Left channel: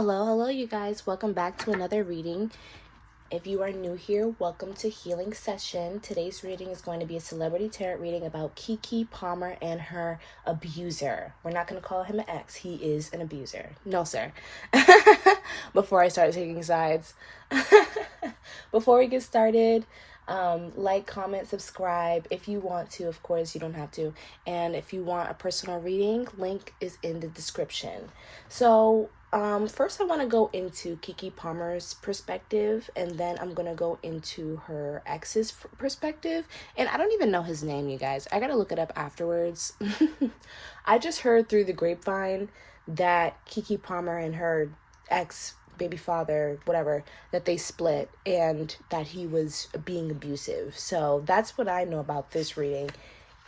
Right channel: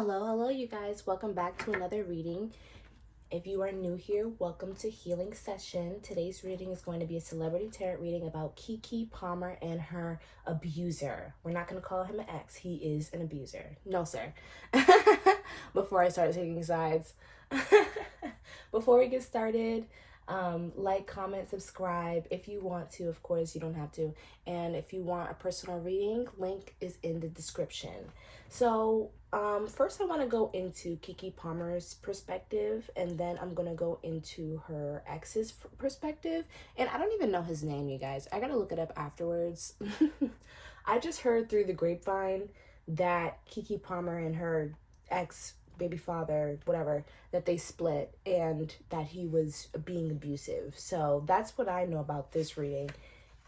Hello, you guys. Welcome back to another reading. If you are new here, welcome to Healing Session. Today's reading is going to be a celebrity tarot reading about KEKE Palmer and her abuser. We're not going to call him an ex. He is an abuser. No, sir. Before I start taking sides. Before we get started, like, comment, subscribe if you want to. Of course, you don't have to. And if you want a personal reading, link is in the description. So first I want to go into KEKE Palmer's perspective, and then I'm going to go into her ex's perspective. And I don't even know his name, you guys. I got to look it up afterwards. I just heard through the grapevine that KEKE Palmer and her ex baby father, whatever, that they split and that he was being abusive. So that's what I know about this reading.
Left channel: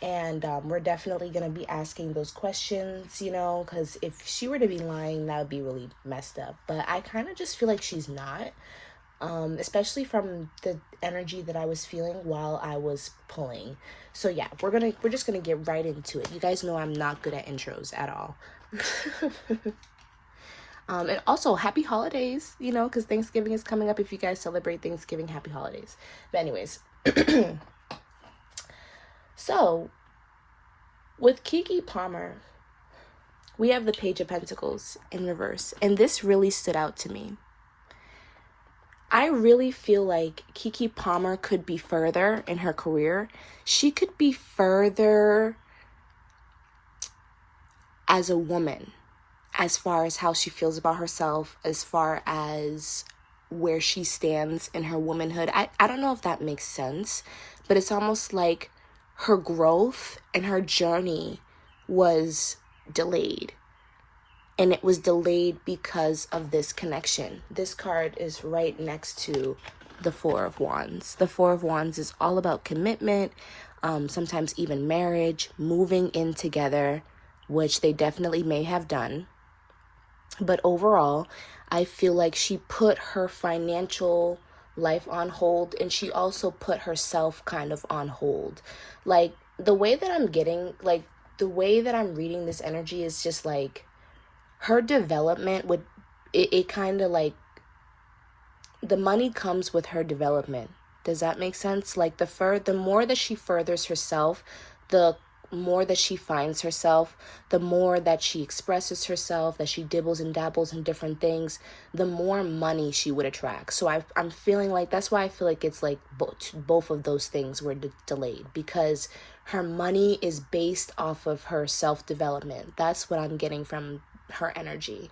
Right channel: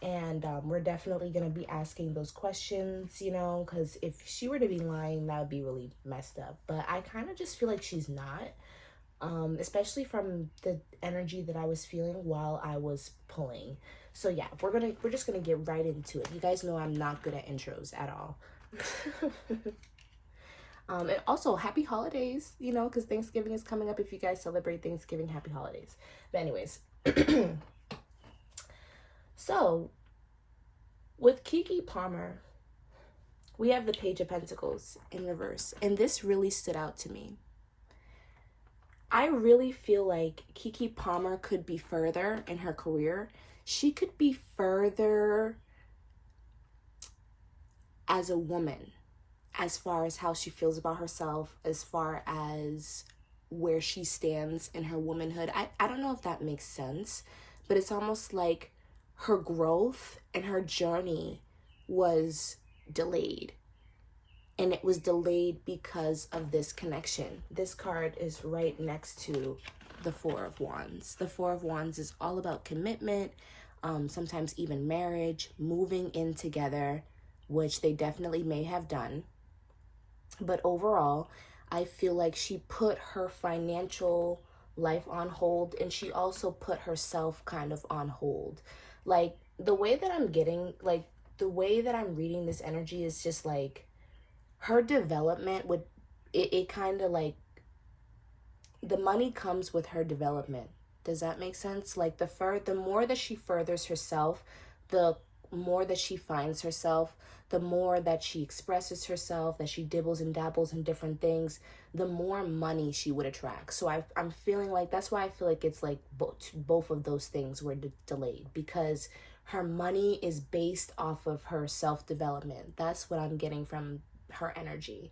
And we're definitely going to be asking those questions, because if she were to be lying, that would be really messed up. But I kind of just feel like she's not, especially from the energy that I was feeling while I was pulling. So yeah, we're just going to get right into it. You guys know I'm not good at intros at all. And also, happy holidays, because Thanksgiving is coming up. If you guys celebrate Thanksgiving, happy holidays. But anyways, so with KEKE Palmer, we have the Page of Pentacles in reverse. And this really stood out to me. I really feel like KEKE Palmer could be further in her career. She could be further as a woman, as far as how she feels about herself, as far as where she stands in her womanhood. I don't know if that makes sense, but it's almost like her growth and her journey was delayed. And it was delayed because of this connection. This card is right next to the Four of Wands. The Four of Wands is all about commitment, sometimes even marriage, moving in together, which they definitely may have done. But overall, I feel like she put her financial life on hold, and she also put herself kind of on hold. Like, the way that I'm reading this energy is just like her development would, it kind of like, the money comes with her development. Does that make sense? Like, the more that she furthers herself, the more that she finds herself, the more that she expresses herself, that she dibbles and dabbles in different things, the more money she would attract. So I'm feeling like, that's why I feel like it's like both of those things were delayed, because her money is based off of her self-development. That's what I'm getting from her energy.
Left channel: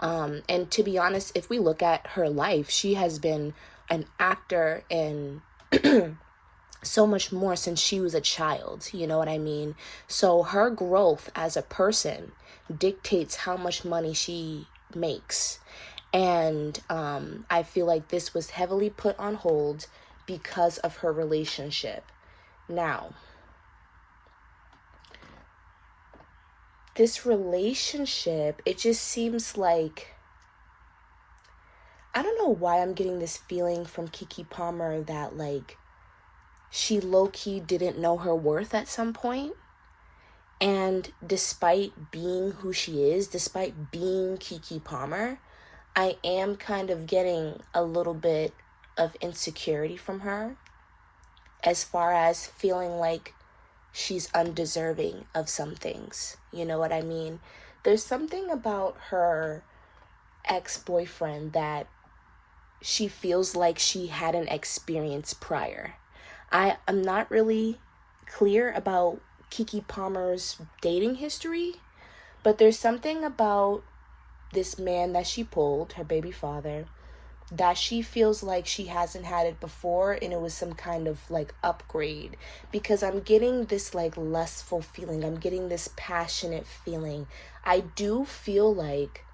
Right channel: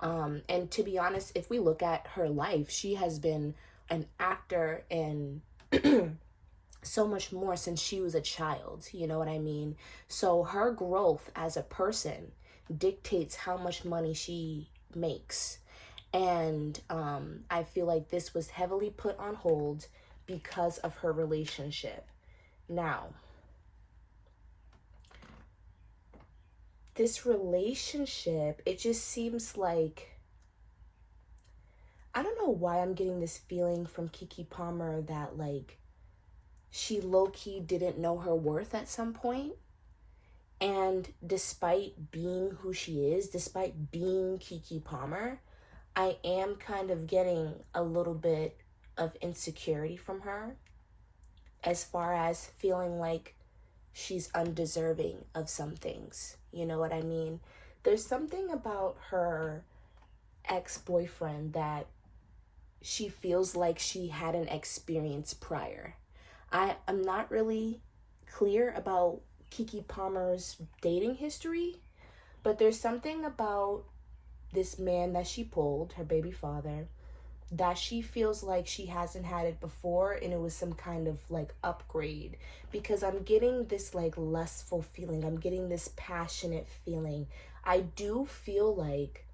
And to be honest, if we look at her life, she has been an actor in so much more since she was a child, you know what I mean? So her growth as a person dictates how much money she makes. And I feel like this was heavily put on hold because of her relationship. Now, this relationship, it just seems like, I don't know why I'm getting this feeling from KEKE Palmer that like she low-key didn't know her worth at some point. And despite being who she is, despite being KEKE Palmer, I am kind of getting a little bit of insecurity from her, as far as feeling like she's undeserving of some things. You know what I mean? There's something about her ex-boyfriend that she feels like she hadn't experienced prior. I am not really clear about KEKE Palmer's dating history, but there's something about this man that she pulled, her baby father, that she feels like she hasn't had it before, and it was some kind of like upgrade, because I'm getting this like lustful feeling. I'm getting this passionate feeling. I do feel like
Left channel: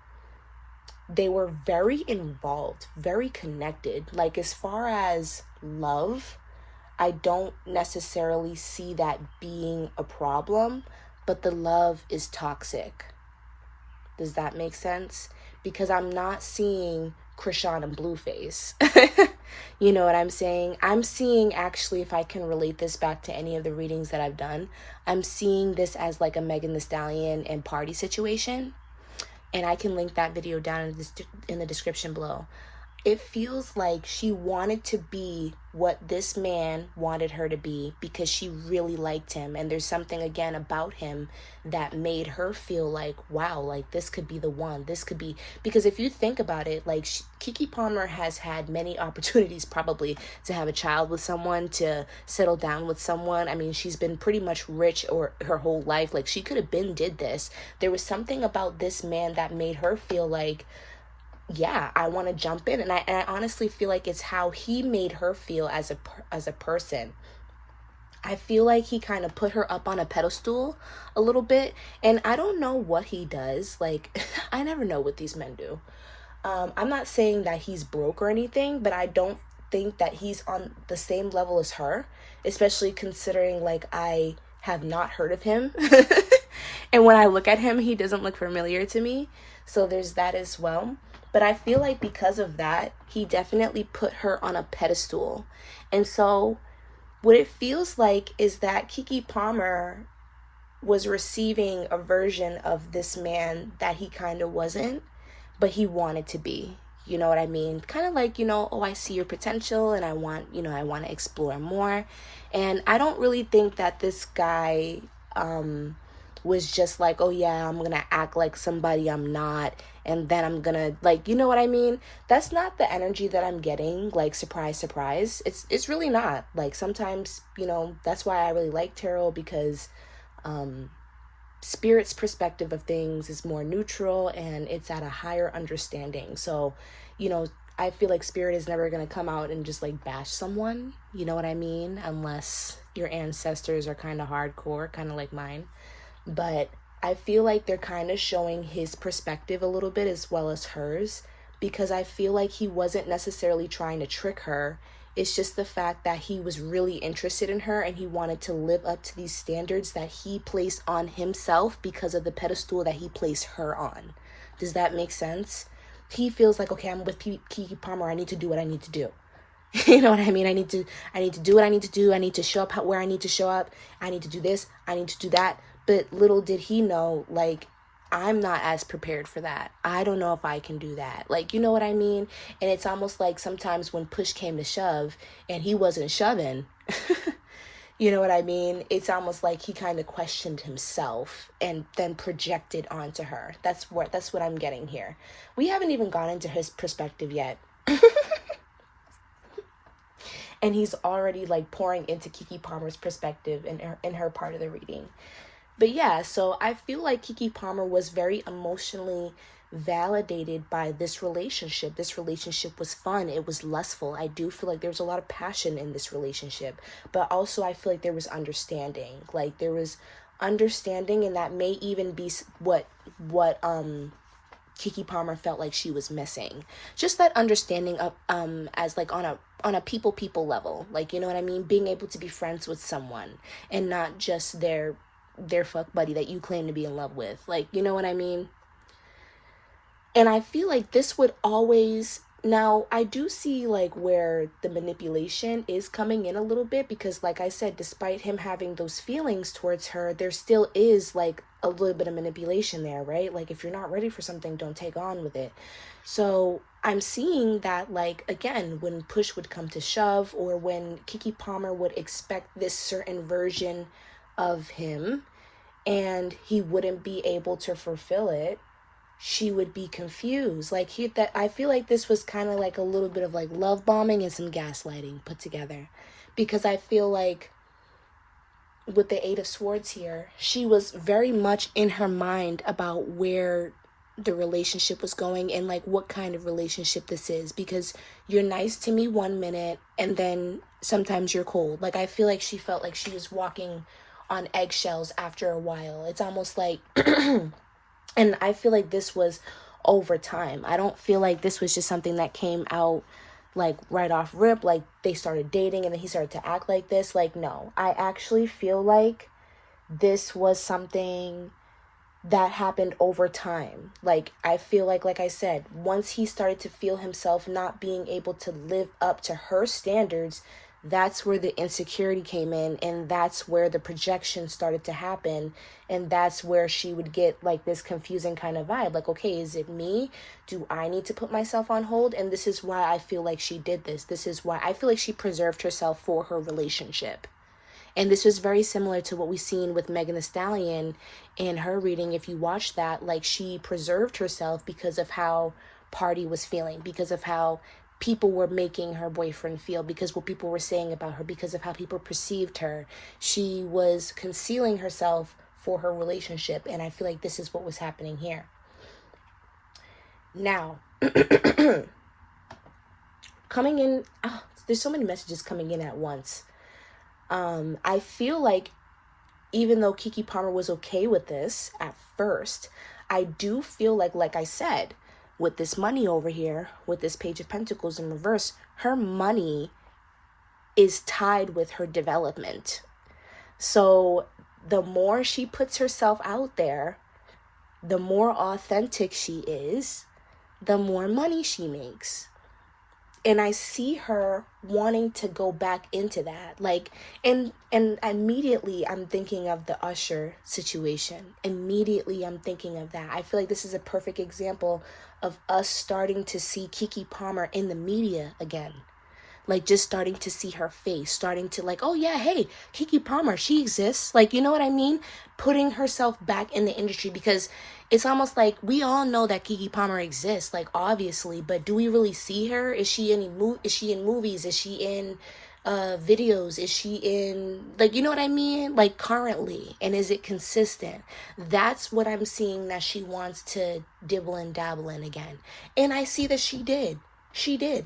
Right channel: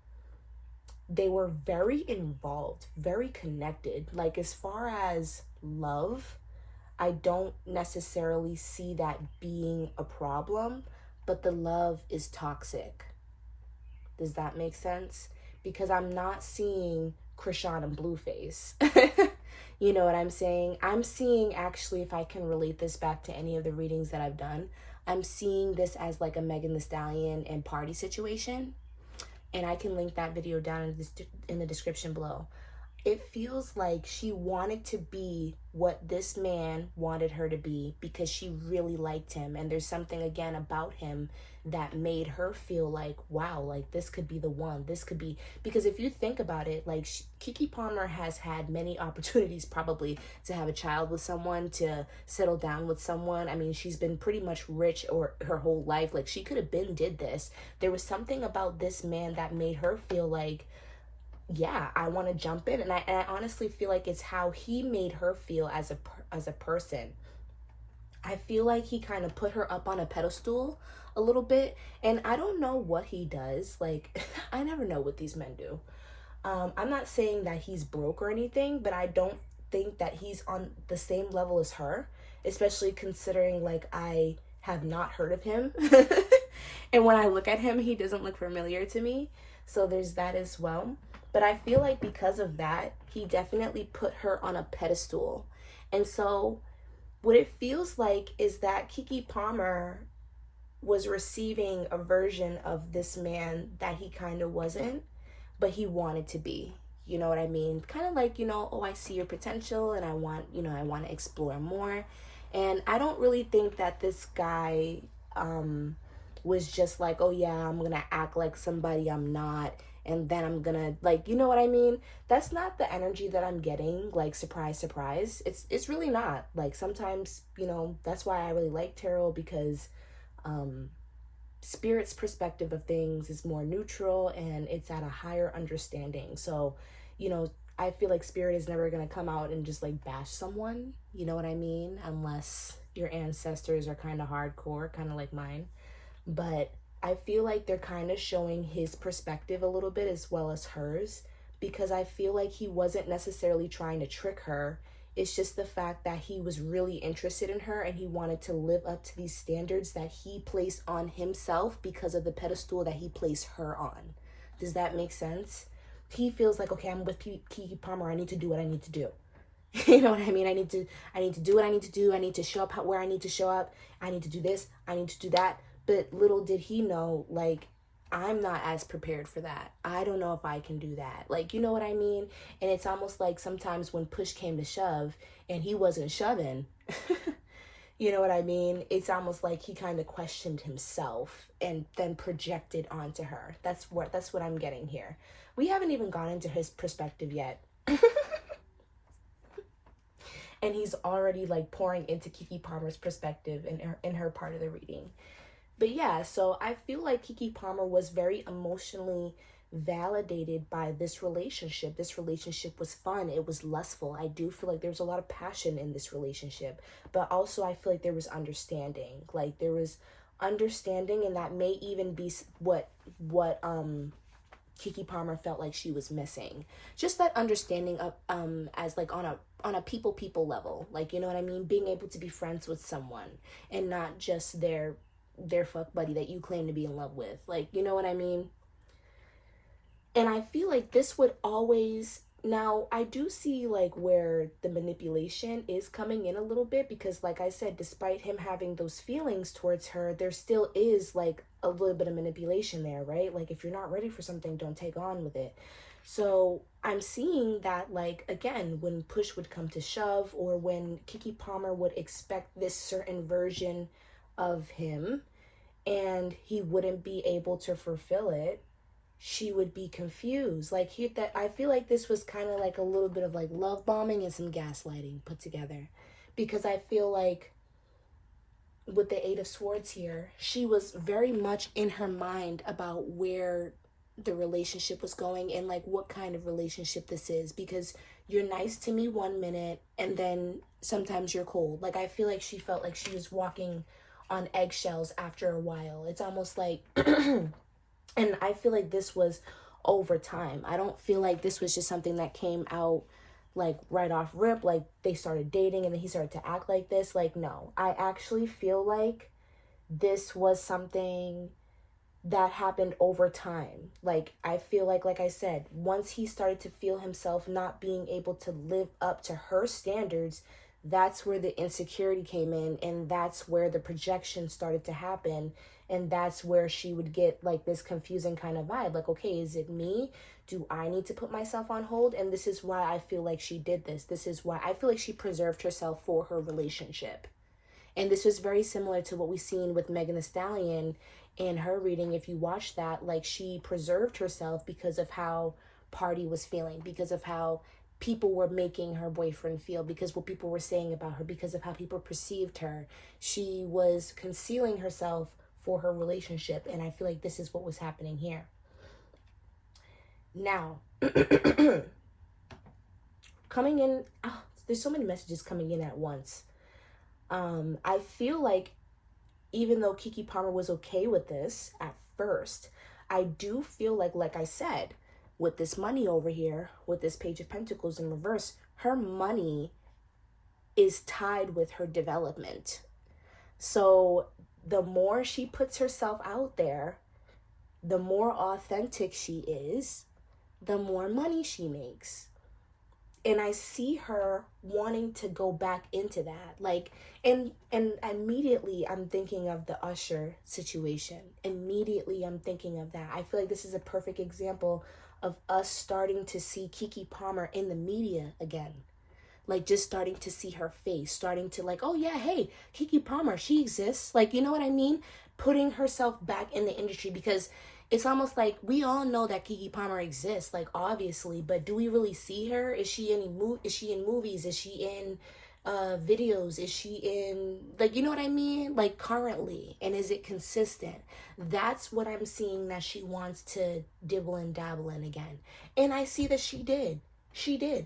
they were very involved, very connected. Like, as far as love, I don't necessarily see that being a problem, but the love is toxic. Does that make sense? Because I'm not seeing Krishan and Blueface. You know what I'm saying? I'm seeing, actually, if I can relate this back to any of the readings that I've done, I'm seeing this as like a Megan Thee Stallion and Party situation. and I can link that video down in the description below. It feels like she wanted to be what this man wanted her to be because she really liked him. And there's something, again, about him that made her feel like, wow, like this could be the one. This could be, because if you think about it, like KEKE Palmer has had many opportunities probably to have a child with someone, to settle down with someone. I mean, she's been pretty much rich or her whole life. Like she could have been did this. There was something about this man that made her feel like, yeah, I want to jump in. And I honestly feel like it's how he made her feel as a person. I feel like he kind of put her up on a pedestal a little bit, and I don't know what he does. Like I never know what these men do. I'm not saying that he's broke or anything, but I don't think that he's on the same level as her, especially considering like I have not heard of him. And when I look at him, he doesn't look familiar to me. So there's that as well. But I feel like because of that, he definitely put her on a pedestal. And so what it feels like is that KEKE Palmer was receiving a version of this man that he kind of wasn't, but he wanted to be. You know what I mean? Kind of like, oh, I see your potential and I want to explore more. And I don't really think that this guy was just like, oh yeah, I'm gonna act like somebody I'm not, and then I'm gonna, like, you know what I mean? That's not the energy that I'm getting. Like, surprise, surprise. It's really not. Like, sometimes, that's why I really like tarot, because Spirit's perspective of things is more neutral and it's at a higher understanding. So, I feel like Spirit is never going to come out and just like bash someone, you know what I mean? Unless your ancestors are kind of hardcore, kind of like mine. But I feel like they're kind of showing his perspective a little bit as well as hers, because I feel like he wasn't necessarily trying to trick her. It's just the fact that he was really interested in her and he wanted to live up to these standards that he placed on himself because of the pedestal that he placed her on. Does that make sense? He feels like, okay, I'm with KEKE Palmer. I need to do what I need to do. You know what I mean? I need to do what I need to do. I need to show up where I need to show up. I need to do this. I need to do that. But little did he know, like, I'm not as prepared for that. I don't know if I can do that. Like, you know what I mean? And it's almost like sometimes when push came to shove and he wasn't shoving, you know what I mean? It's almost like he kind of questioned himself and then projected onto her. That's what I'm getting here. We haven't even gone into his perspective yet. And he's already like pouring into KEKE Palmer's perspective in her part of the reading. But yeah, so I feel like KEKE Palmer was very emotionally validated by this relationship. This relationship was fun. It was lustful. I do feel like there was a lot of passion in this relationship. But also I feel like there was understanding. Like there was understanding, and that may even be what KEKE Palmer felt like she was missing. Just that understanding of as like on a people level. Like, you know what I mean? Being able to be friends with someone and not just their fuck buddy that you claim to be in love with. Like, you know what I mean? And I feel like this would always, now I do see like where the manipulation is coming in a little bit, because like I said, despite him having those feelings towards her, there still is like a little bit of manipulation there, right? Like if you're not ready for something, don't take on with it. So I'm seeing that, like, again, when push would come to shove, or when KEKE Palmer would expect this certain version of him and he wouldn't be able to fulfill it, she would be confused. Like I feel like this was kind of like a little bit of like love bombing and some gaslighting put together, because I feel like with the Eight of Swords here, she was very much in her mind about where the relationship was going and like what kind of relationship this is, because you're nice to me one minute and then sometimes you're cold. Like I feel like she felt like she was walking on eggshells after a while. It's almost like and I feel like this was over time. I don't feel like this was just something that came out like right off rip, like they started dating and then he started to act like this. Like, no, I actually feel like this was something that happened over time. Like I feel like I said, once he started to feel himself not being able to live up to her standards, that's where the insecurity came in, and that's where the projection started to happen. And that's where she would get like this confusing kind of vibe. Like, okay, is it me? Do I need to put myself on hold? And this is why I feel like she did this. This is why I feel like she preserved herself for her relationship. And this was very similar to what we seen with Megan Thee Stallion in her reading. If you watch that, like, she preserved herself because of how Party was feeling, because of how people were making her boyfriend feel, because what people were saying about her, because of how people perceived her. She was concealing herself for her relationship, and I feel like this is what was happening here. Now, coming in, there's so many messages coming in at once. I feel like even though KEKE Palmer was okay with this at first, I do feel like I said, with this money over here, with this Page of Pentacles in reverse, her money is tied with her development. So the more she puts herself out there, the more authentic she is, the more money she makes. And I see her wanting to go back into that. Like, and immediately I'm thinking of the Usher situation. Immediately I'm thinking of that. I feel like this is a perfect example of us starting to see KEKE Palmer in the media again. Like, just starting to see her face, starting to like, oh yeah, hey, KEKE Palmer, she exists. Like, you know what I mean? Putting herself back in the industry, because it's almost like we all know that KEKE Palmer exists, like, obviously, but do we really see her? Is she in movies? Is she in videos? Is she in, like, you know what I mean? Like, currently, and is it consistent? That's what I'm seeing that she wants to dibble and dabble in again. And I see that she did.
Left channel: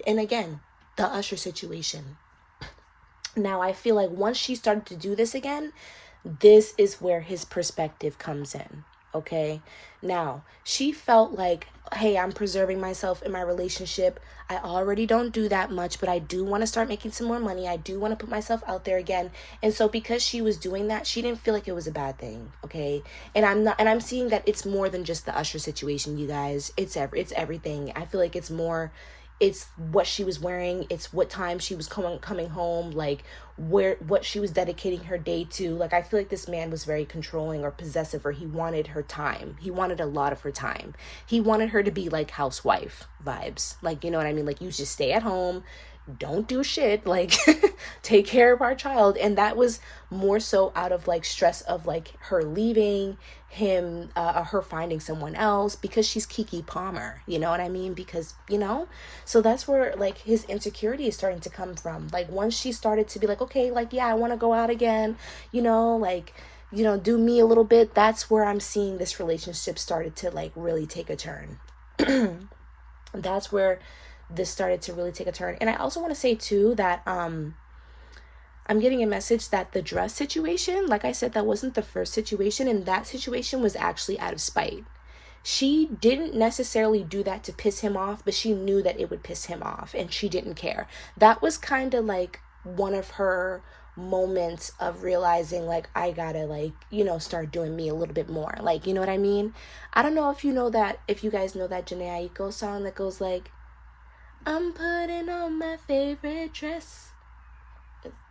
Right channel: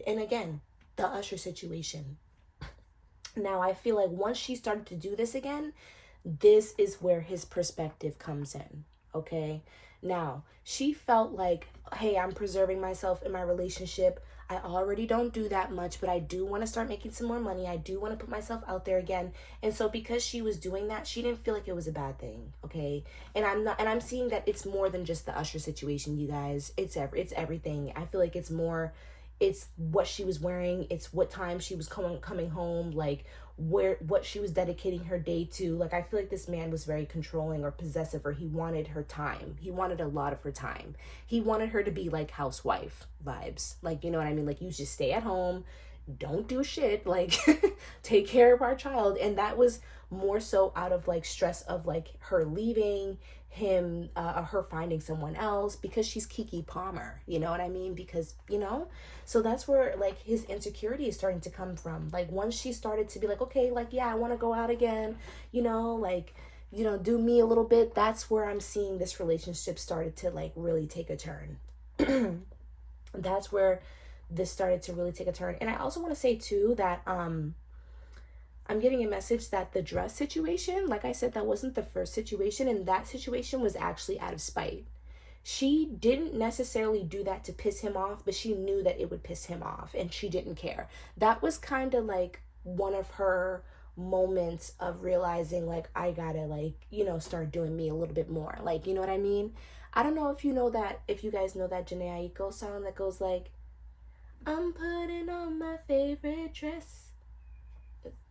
And again, the Usher situation. Now, I feel like once she started to do this again, this is where his perspective comes in, okay? Now, she felt like, hey, I'm preserving myself in my relationship. I already don't do that much, but I do want to start making some more money. I do want to put myself out there again. And so because she was doing that, she didn't feel like it was a bad thing, okay? And I'm seeing that it's more than just the Usher situation, you guys. It's everything. I feel like it's more, it's what she was wearing, it's what time she was coming home, like what she was dedicating her day to. Like, I feel like this man was very controlling or possessive, or he wanted her time. He wanted a lot of her time. He wanted her to be like housewife vibes. Like, you know what I mean? Like, you just stay at home, don't do shit, like take care of our child. And that was more so out of like stress of like her leaving him, her finding someone else, because she's KEKE Palmer, you know what I mean? Because, you know, so that's where like his insecurity is starting to come from. Like, once she started to be like, okay, like, yeah, I want to go out again, you know, like, you know, do me a little bit, that's where I'm seeing this relationship started to like really take a turn. That's where this started to really take a turn. And I also want to say too that I'm getting a message that the dress situation, like I said, that wasn't the first situation, and that situation was actually out of spite. She didn't necessarily do that to piss him off, but she knew that it would piss him off, and she didn't care. That was kind of like one of her moments of realizing, like, I gotta, like, you know, start doing me a little bit more. Like, you know what I mean? I don't know if you know that, if you guys know that Jhené Aiko song that goes like, I'm putting on my favorite dress.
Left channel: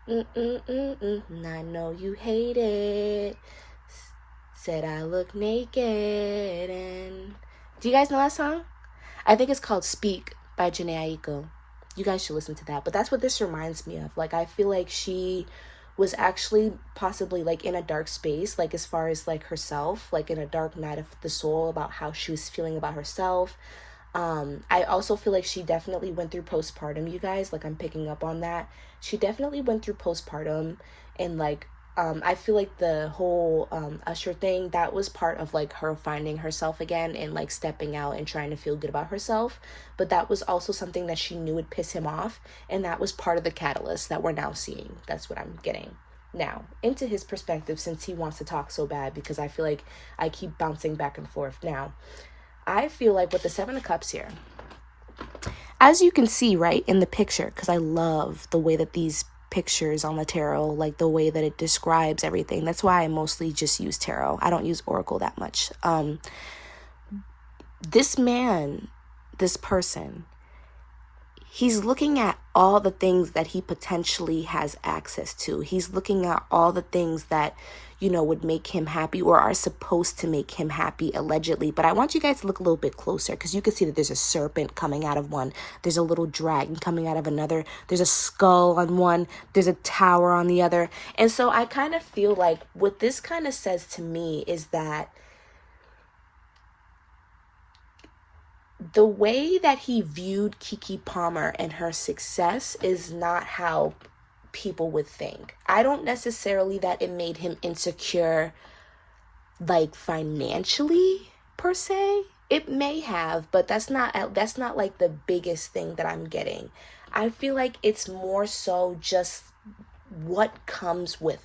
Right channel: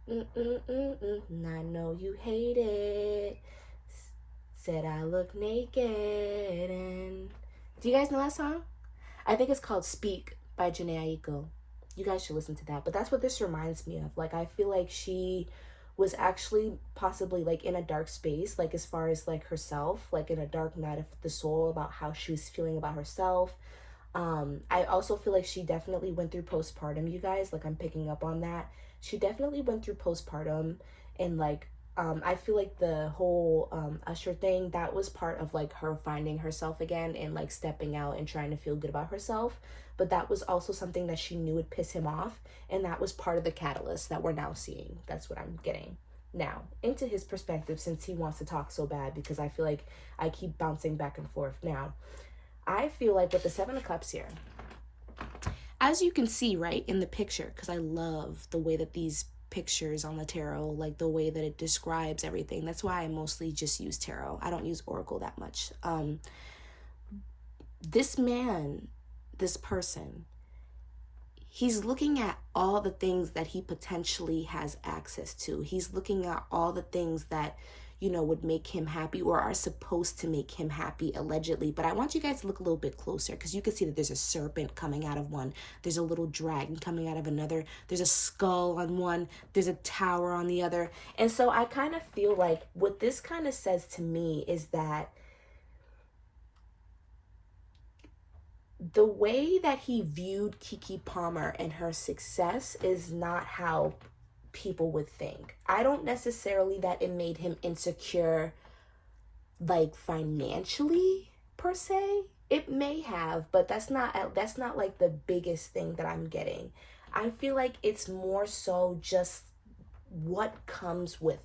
I know you hate it. Said I look naked. And do you guys know that song? I think it's called Speak by Jhené Aiko. You guys should listen to that. But that's what this reminds me of. Like, I feel like she was actually possibly like in a dark space, like as far as like herself, like in a dark night of the soul about how she was feeling about herself. I also feel like she definitely went through postpartum, you guys. Like, I'm picking up on that. She definitely went through postpartum, and like, I feel like the whole Usher thing, that was part of like her finding herself again and like stepping out and trying to feel good about herself. But that was also something that she knew would piss him off, and that was part of the catalyst that we're now seeing. That's what I'm getting. Now, into his perspective, since he wants to talk so bad, because I feel like I keep bouncing back and forth. Now, I feel like with the Seven of Cups here, as you can see right in the picture, because I love the way that these pictures on the tarot, like the way that it describes everything. That's why I mostly just use tarot. I don't use oracle that much. This man, this person, he's looking at all the things that he potentially has access to. He's looking at all the things that, you know, would make him happy or are supposed to make him happy, allegedly. But I want you guys to look a little bit closer, because you can see that there's a serpent coming out of one. There's a little dragon coming out of another. There's a skull on one. There's a tower on the other. And so I kind of feel like what this kind of says to me is that the way that he viewed KEKE Palmer and her success is not how people would think. I don't necessarily that it made him insecure, like financially per se. It may have, but that's not like the biggest thing that I'm getting. I feel like it's more so just what comes with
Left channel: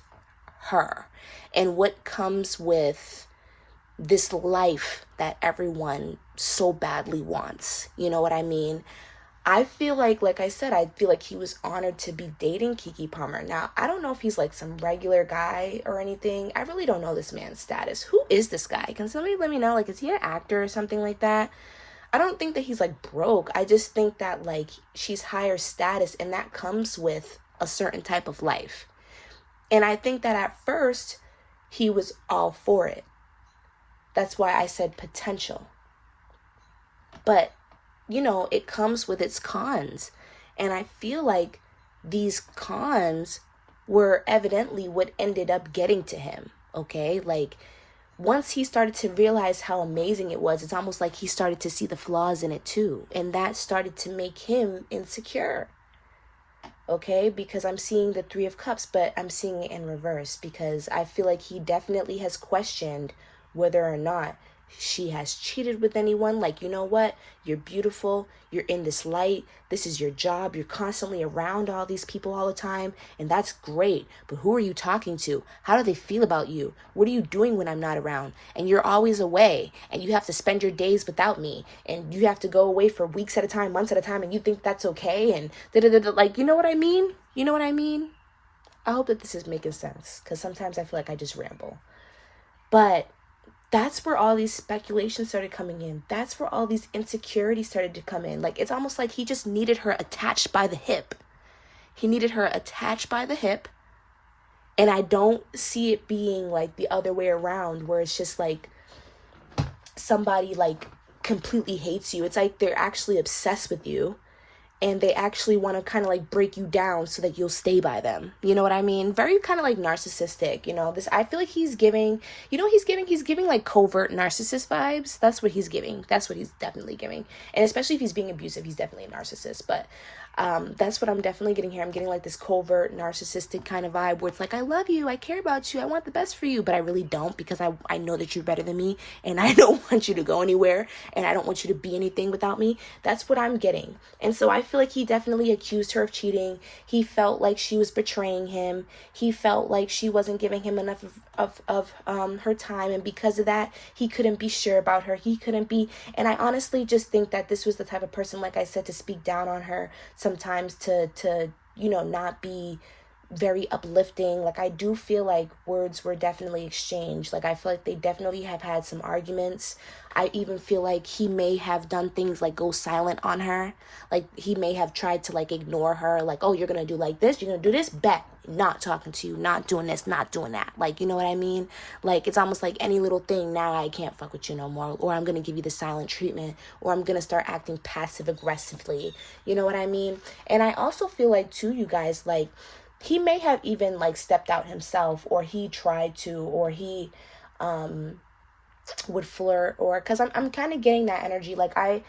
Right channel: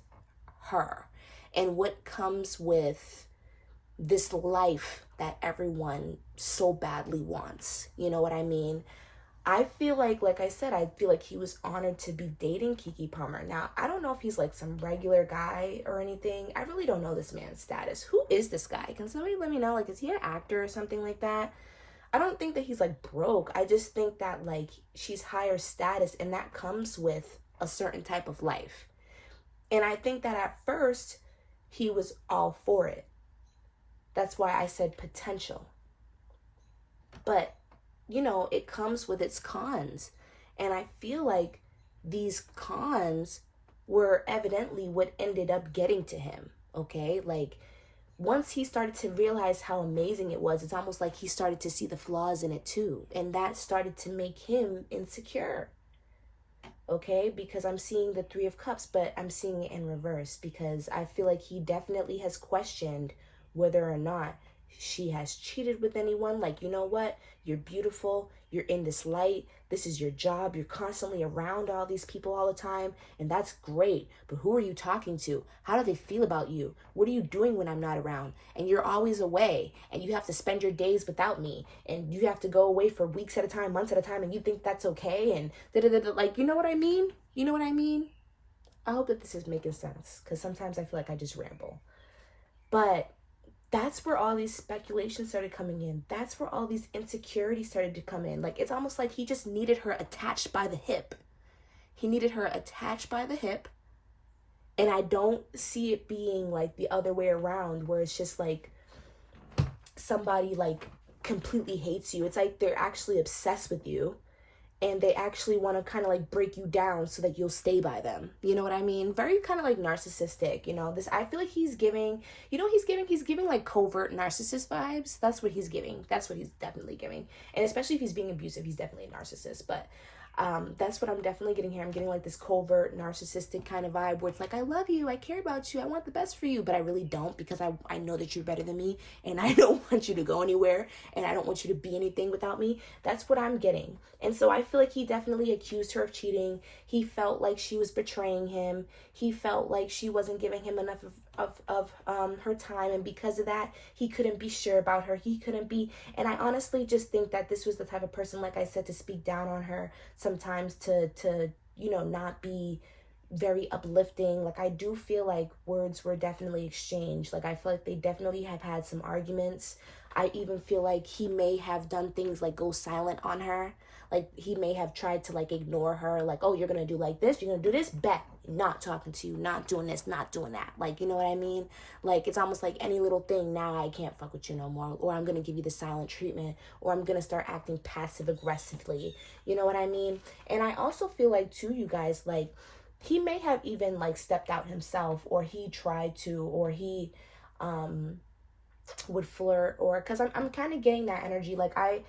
her and what comes with this life that everyone so badly wants. You know what I mean? I feel like I said, I feel like he was honored to be dating KEKE Palmer. Now, I don't know if he's like some regular guy or anything. I really don't know this man's status. Who is this guy? Can somebody let me know? Like, is he an actor or something like that? I don't think that he's like broke. I just think that like she's higher status, and that comes with a certain type of life. And I think that at first he was all for it. That's why I said potential. But, you know, it comes with its cons. And I feel like these cons were evidently what ended up getting to him, okay? Like, once he started to realize how amazing it was, it's almost like he started to see the flaws in it too. And that started to make him insecure, okay? Because I'm seeing the Three of Cups, but I'm seeing it in reverse, because I feel like he definitely has questioned whether or not she has cheated with anyone. Like, you know what? You're beautiful. You're in this light. This is your job. You're constantly around all these people all the time. And that's great. But who are you talking to? How do they feel about you? What are you doing when I'm not around? And you're always away. And you have to spend your days without me. And you have to go away for weeks at a time, months at a time. And you think that's okay? And da-da-da-da. Like, you know what I mean? You know what I mean? I hope that this is making sense, because sometimes I feel like I just ramble. But that's where all these speculations started coming in. That's where all these insecurities started to come in. Like, it's almost like he just needed her attached by the hip. He needed her attached by the hip. And I don't see it being like the other way around, where it's just like somebody like completely hates you. It's like they're actually obsessed with you. And they actually want to kind of like break you down so that you'll stay by them. You know what I mean? Very kind of like narcissistic, you know. This, I feel like he's giving, you know, he's giving like covert narcissist vibes. That's what he's giving. That's what he's definitely giving. And especially if he's being abusive, he's definitely a narcissist. But that's what I'm definitely getting here. I'm getting like this covert narcissistic kind of vibe where it's like, I love you, I care about you, I want the best for you, but I really don't, because I know that you're better than me, and I don't want you to go anywhere, and I don't want you to be anything without me. That's what I'm getting. And so I feel like he definitely accused her of cheating. He felt like she was betraying him. He felt like she wasn't giving him enough of her time, and because of that, he couldn't be sure about her. He couldn't be, and I honestly just think that this was the type of person, like I said, to speak down on her sometimes, to you know, not be very uplifting. Like, I do feel like words were definitely exchanged. Like, I feel like they definitely have had some arguments. I even feel like he may have done things like go silent on her. Like, he may have tried to like ignore her. Like, oh, you're gonna do like this, you're gonna do this, bet, not talking to you, not doing this, not doing that. Like, you know what I mean? Like, it's almost like any little thing, now I can't fuck with you no more, or I'm gonna give you the silent treatment, or I'm gonna start acting passive aggressively. You know what I mean? And I also feel like too, you guys, like, he may have even like stepped out himself, or he tried to, or he would flirt, or because I'm kind of getting that energy. Like, I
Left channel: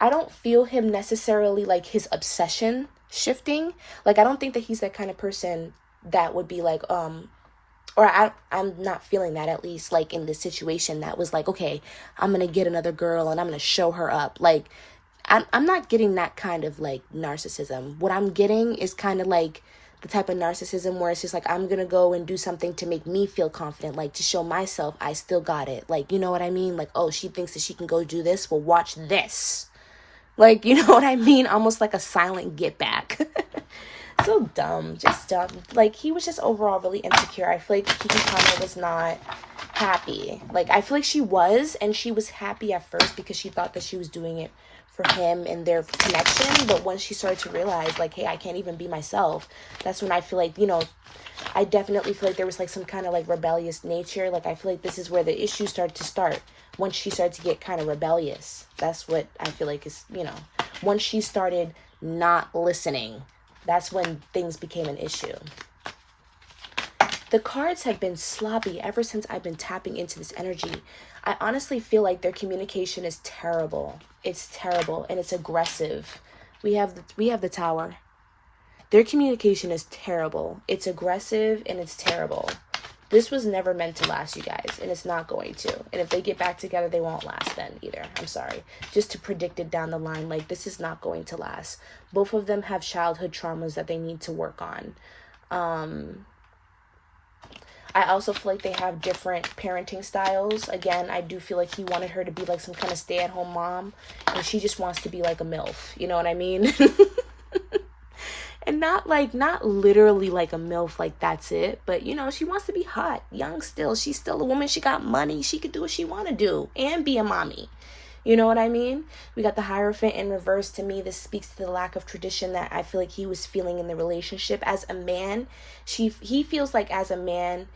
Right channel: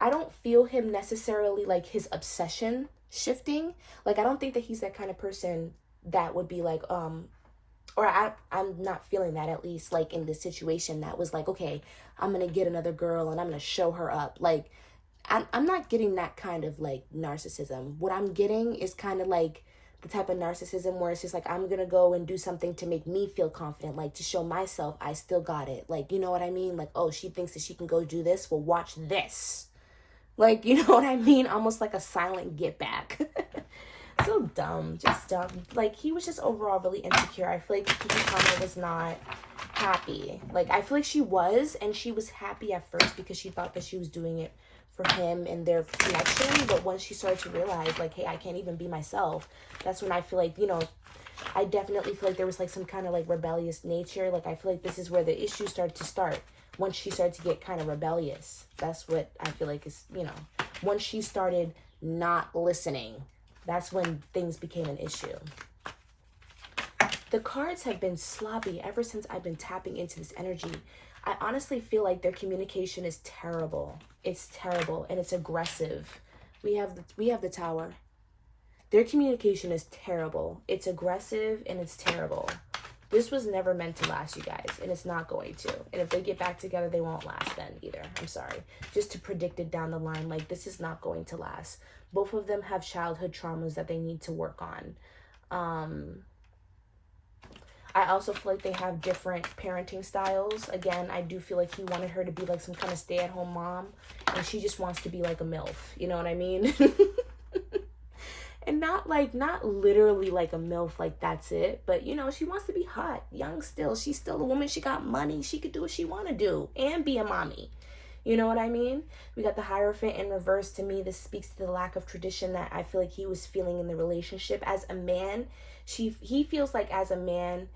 don't feel him necessarily like his obsession shifting. Like, I don't think that he's that kind of person that would be like or I'm not feeling that, at least like in this situation, that was like, okay, I'm gonna get another girl and I'm gonna show her up. Like, I'm not getting that kind of like narcissism. What I'm getting is kind of like the type of narcissism where it's just like, I'm gonna go and do something to make me feel confident, like to show myself I still got it. Like, you know what I mean? Like, oh, she thinks that she can go do this, well, watch this. Like, you know what I mean? Almost like a silent get back. So dumb, just dumb. Like, he was just overall really insecure. I feel like KEKE Palmer was not happy. Like, I feel like she was, and she was happy at first because she thought that she was doing it for him and their connection. But once she started to realize, like, hey, I can't even be myself, that's when I feel like, you know, I definitely feel like there was like some kind of like rebellious nature. Like, I feel like this is where the issues started to start. Once she started to get kind of rebellious, that's what I feel like is, you know, once she started not listening, that's when things became an issue. The cards have been sloppy ever since I've been tapping into this energy. I honestly feel like their communication is terrible. It's terrible and it's aggressive. We have the Tower. Their communication is terrible. It's aggressive and it's terrible. This was never meant to last, you guys, and it's not going to. And if they get back together, they won't last then either. I'm sorry. Just to predict it down the line, like, this is not going to last. Both of them have childhood traumas that they need to work on. I also feel like they have different parenting styles. Again, I do feel like he wanted her to be like some kind of stay-at-home mom, and she just wants to be like a MILF. You know what I mean? And not literally like a MILF, like that's it. But, you know, she wants to be hot, young still. She's still a woman. She got money. She could do what she want to do and be a mommy. You know what I mean? We got the Hierophant in reverse. To me, this speaks to the lack of tradition that I feel like he was feeling in the relationship. As a man, he feels like as a man,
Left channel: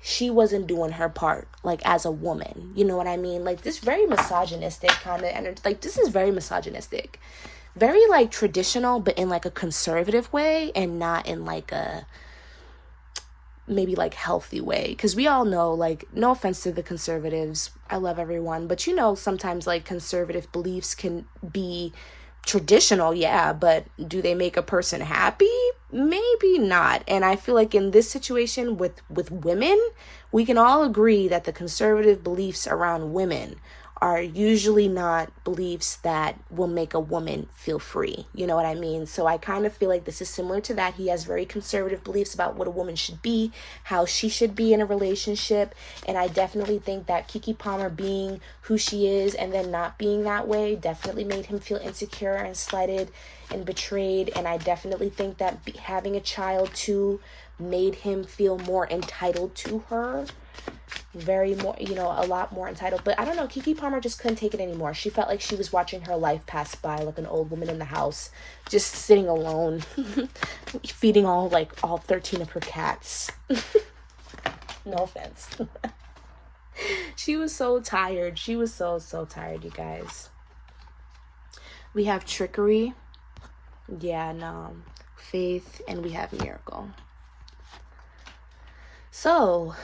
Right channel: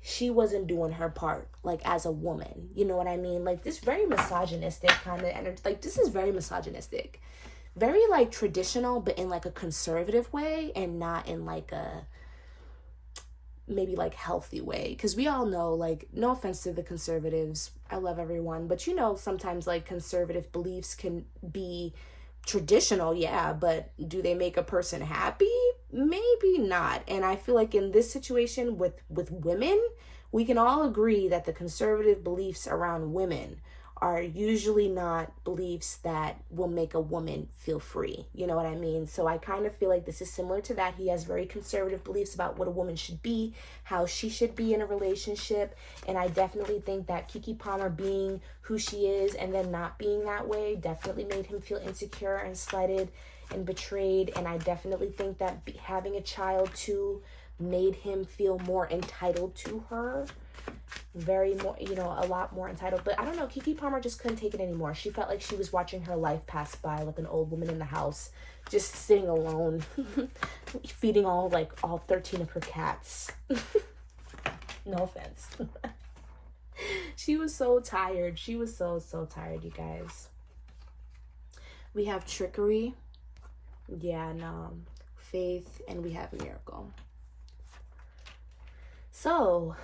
she wasn't doing her part, like as a woman. You know what I mean? Like, this very misogynistic kind of energy. Like, this is very misogynistic. Very like traditional, but in like a conservative way, and not in like a maybe like healthy way. Because we all know, like, no offense to the conservatives, I love everyone, but you know, sometimes like conservative beliefs can be traditional, yeah, but do they make a person happy? Maybe not. And I feel like in this situation with women, we can all agree that the conservative beliefs around women are usually not beliefs that will make a woman feel free. You know what I mean? So I kind of feel like this is similar to that. He has very conservative beliefs about what a woman should be, how she should be in a relationship. And I definitely think that KEKE Palmer being who she is and then not being that way definitely made him feel insecure and slighted and betrayed. And I definitely think that having a child too made him feel more entitled to her. Very more, you know, a lot more entitled. But I don't know, KEKE Palmer just couldn't take it anymore. She felt like she was watching her life pass by like an old woman in the house, just sitting alone, feeding all 13 of her cats. No offense. She was so tired. She was so tired, you guys. We have trickery. Yeah, no. Faith, and we have miracle. So,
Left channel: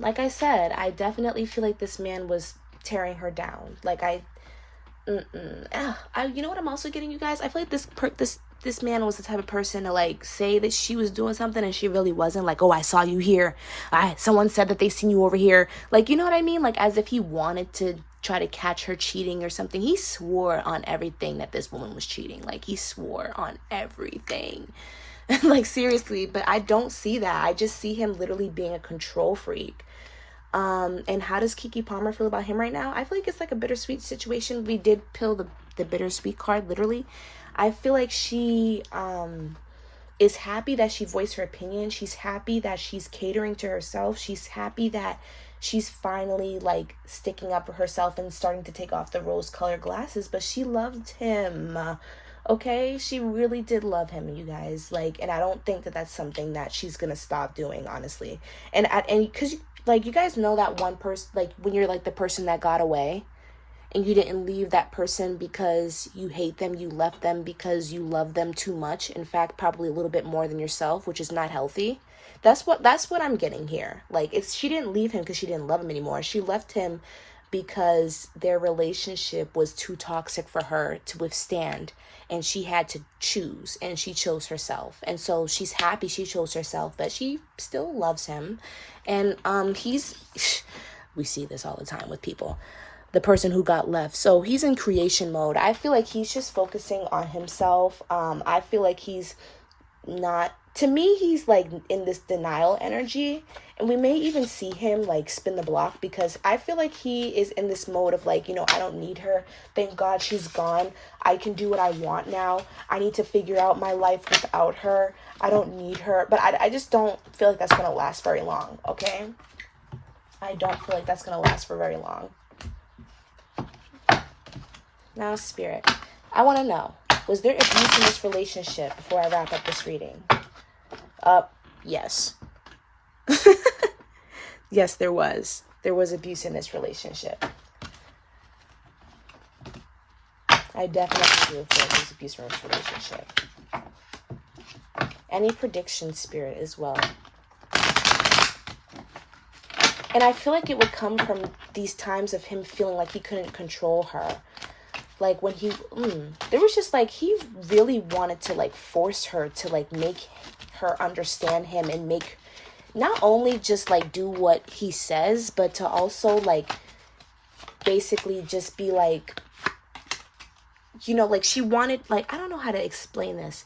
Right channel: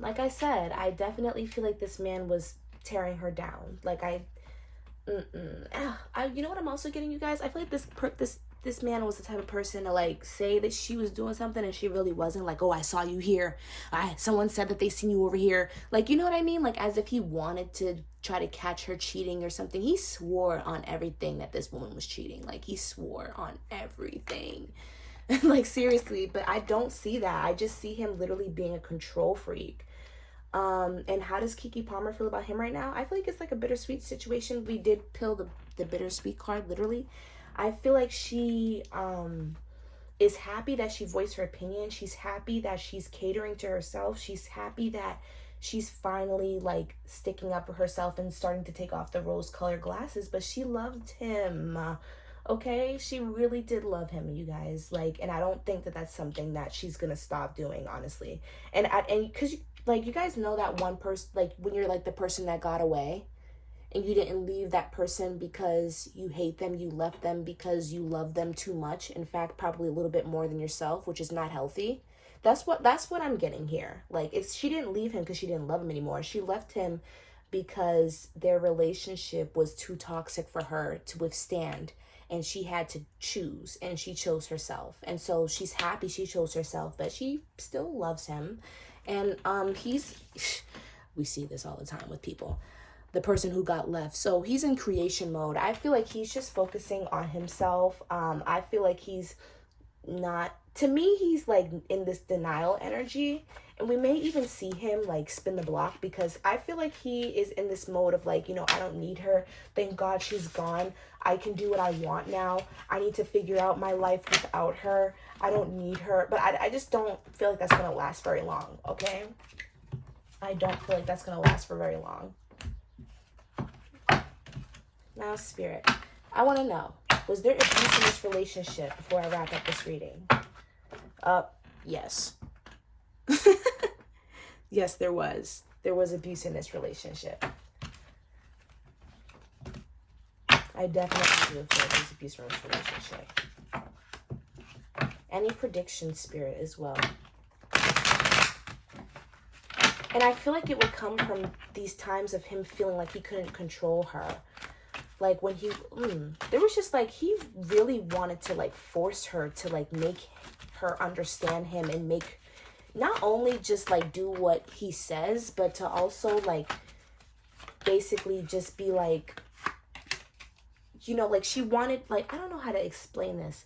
like I said, I definitely feel like this man was tearing her down. Like, you know what I'm also getting, you guys? I feel like this man was the type of person to like say that she was doing something and she really wasn't. Like, oh, I saw you here. Someone said that they seen you over here. Like, you know what I mean? Like, as if he wanted to try to catch her cheating or something. He swore on everything that this woman was cheating. Like, he swore on everything. Like, seriously. But I don't see that. I just see him literally being a control freak. And how does KEKE Palmer feel about him right now? I feel like it's like a bittersweet situation. We did peel the bittersweet card, literally. I feel like she is happy that she voiced her opinion. She's happy that she's catering to herself. She's happy that she's finally like sticking up for herself and starting to take off the rose-colored glasses. But she loved him. Okay, she really did love him, you guys. Like, and I don't think that that's something that she's gonna stop doing, honestly. And because like, you guys know that one person, like when you're like the person that got away and you didn't leave that person because you hate them, you left them because you love them too much. In fact, probably a little bit more than yourself, which is not healthy. That's what I'm getting here. Like, she didn't leave him because she didn't love him anymore. She left him because their relationship was too toxic for her to withstand. And she had to choose, and she chose herself. And so she's happy she chose herself, but she still loves him. And we see this all the time with people, the person who got left. So he's in creation mode. I feel like he's just focusing on himself. I feel like he's not, to me, he's like in this denial energy. And we may even see him like spin the block, because I feel like he is in this mode of like, you know, I don't need her. Thank God she's gone. I can do what I want now. I need to figure out my life without her. I don't need her. But I just don't feel like that's going to last very long, okay? I don't feel like that's going to last for very long. Now, Spirit, I want to know, was there abuse in this relationship before I wrap up this reading? Yes. Yes, there was. There was abuse in this relationship. I definitely feel there was abuse in this relationship. Any prediction, Spirit, as well. And I feel like it would come from these times of him feeling like he couldn't control her. Like when he, there was just like, he really wanted to like force her to like make her understand him and make, not only just like do what he says, but to also like basically just be like, you know, like she wanted, like, I don't know how to explain this.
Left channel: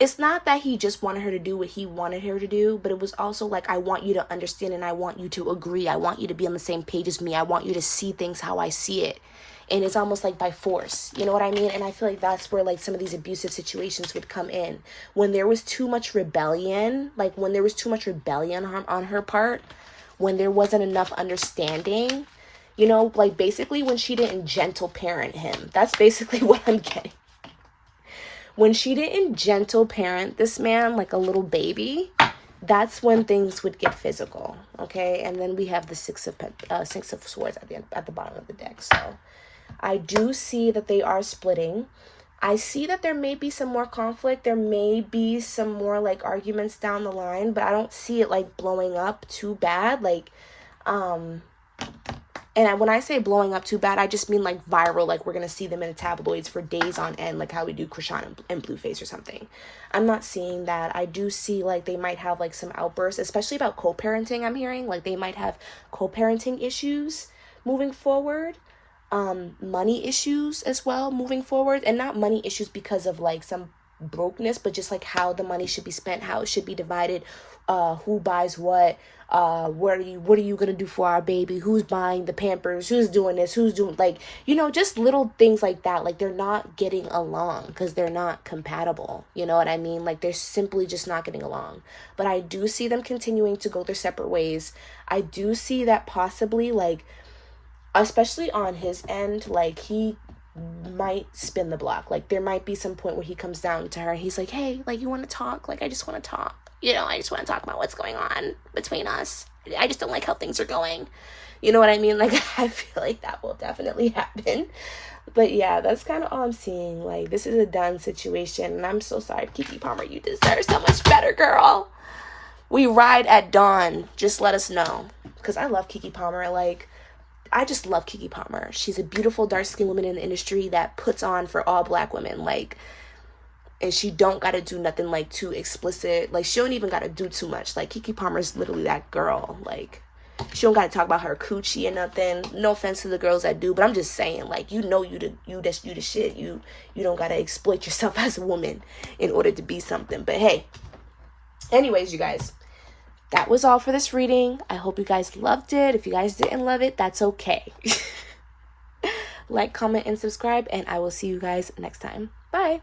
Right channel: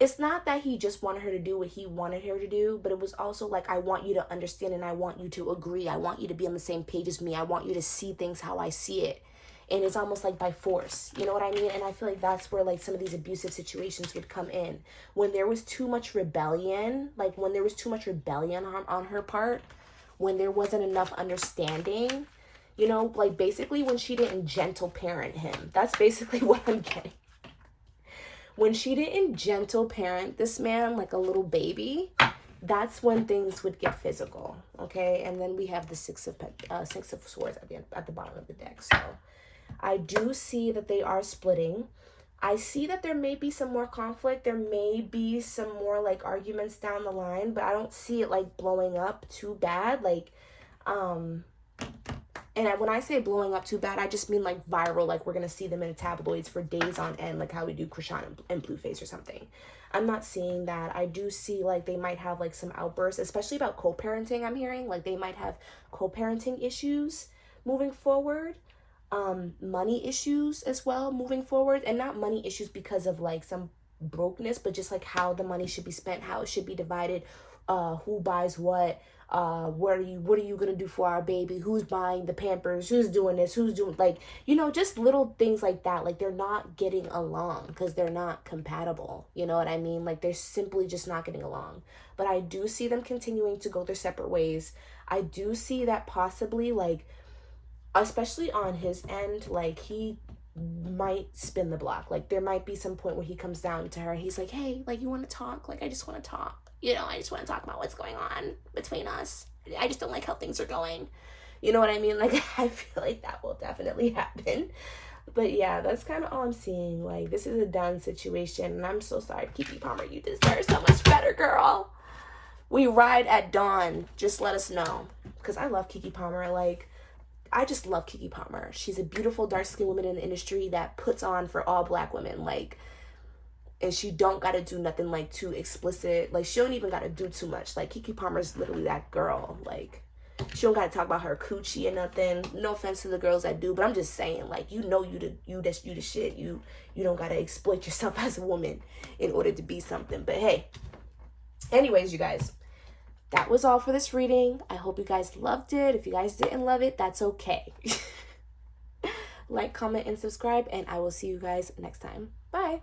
It's not that he just wanted her to do what he wanted her to do, but it was also like, I want you to understand and I want you to agree. I want you to be on the same page as me. I want you to see things how I see it. And it's almost like by force, you know what I mean? And I feel like that's where like some of these abusive situations would come in. When there was too much rebellion, like when there was too much rebellion on her part, when there wasn't enough understanding, you know, like basically when she didn't gentle parent him. That's basically what I'm getting. When she didn't gentle parent this man like a little baby, that's when things would get physical, okay? And then we have the Six of Swords at the bottom of the deck. So I do see that they are splitting. I see that there may be some more conflict. There may be some more like arguments down the line, but I don't see it like blowing up too bad. Like, and when I say blowing up too bad, I just mean like viral, like we're going to see them in the tabloids for days on end, like how we do Krishan and Blueface or something. I'm not seeing that. I do see like they might have like some outbursts, especially about co-parenting. I'm hearing like they might have co-parenting issues moving forward. Money issues as well moving forward. And not money issues because of like some brokenness, but just like how the money should be spent, how it should be divided, who buys what, what are you gonna do for our baby, who's buying the Pampers, who's doing this, who's doing, like, you know, just little things like that. Like they're not getting along because they're not compatible, you know what I mean? Like they're simply just not getting along. But I do see them continuing to go their separate ways. I do see that possibly, like, especially on his end, like he might spin the block. Like there might be some point where he comes down to her, he's like, hey, like, you want to talk? Like I just want to talk, you know, I just want to talk about what's going on between us. I just don't like how things are going, you know what I mean? Like I feel like that will definitely happen. But yeah, that's kind of all I'm seeing. Like this is a done situation, and I'm so sorry, KEKE Palmer, you deserve so much better, girl. We ride at dawn. Just let us know, because I love KEKE Palmer. Like I just love KEKE Palmer. She's a beautiful dark-skinned woman in the industry that puts on for all black women. Like, and she don't got to do nothing like too explicit. Like, she don't even got to do too much. Like, KEKE Palmer's literally that girl. Like, she don't got to talk about her coochie and nothing. No offense to the girls that do, but I'm just saying, like, you know, you the shit. You don't got to exploit yourself as a woman in order to be something. But hey, anyways, you guys, that was all for this reading. I hope you guys loved it. If you guys didn't love it, that's okay. Like, comment, and subscribe, and I will see you guys next time. Bye.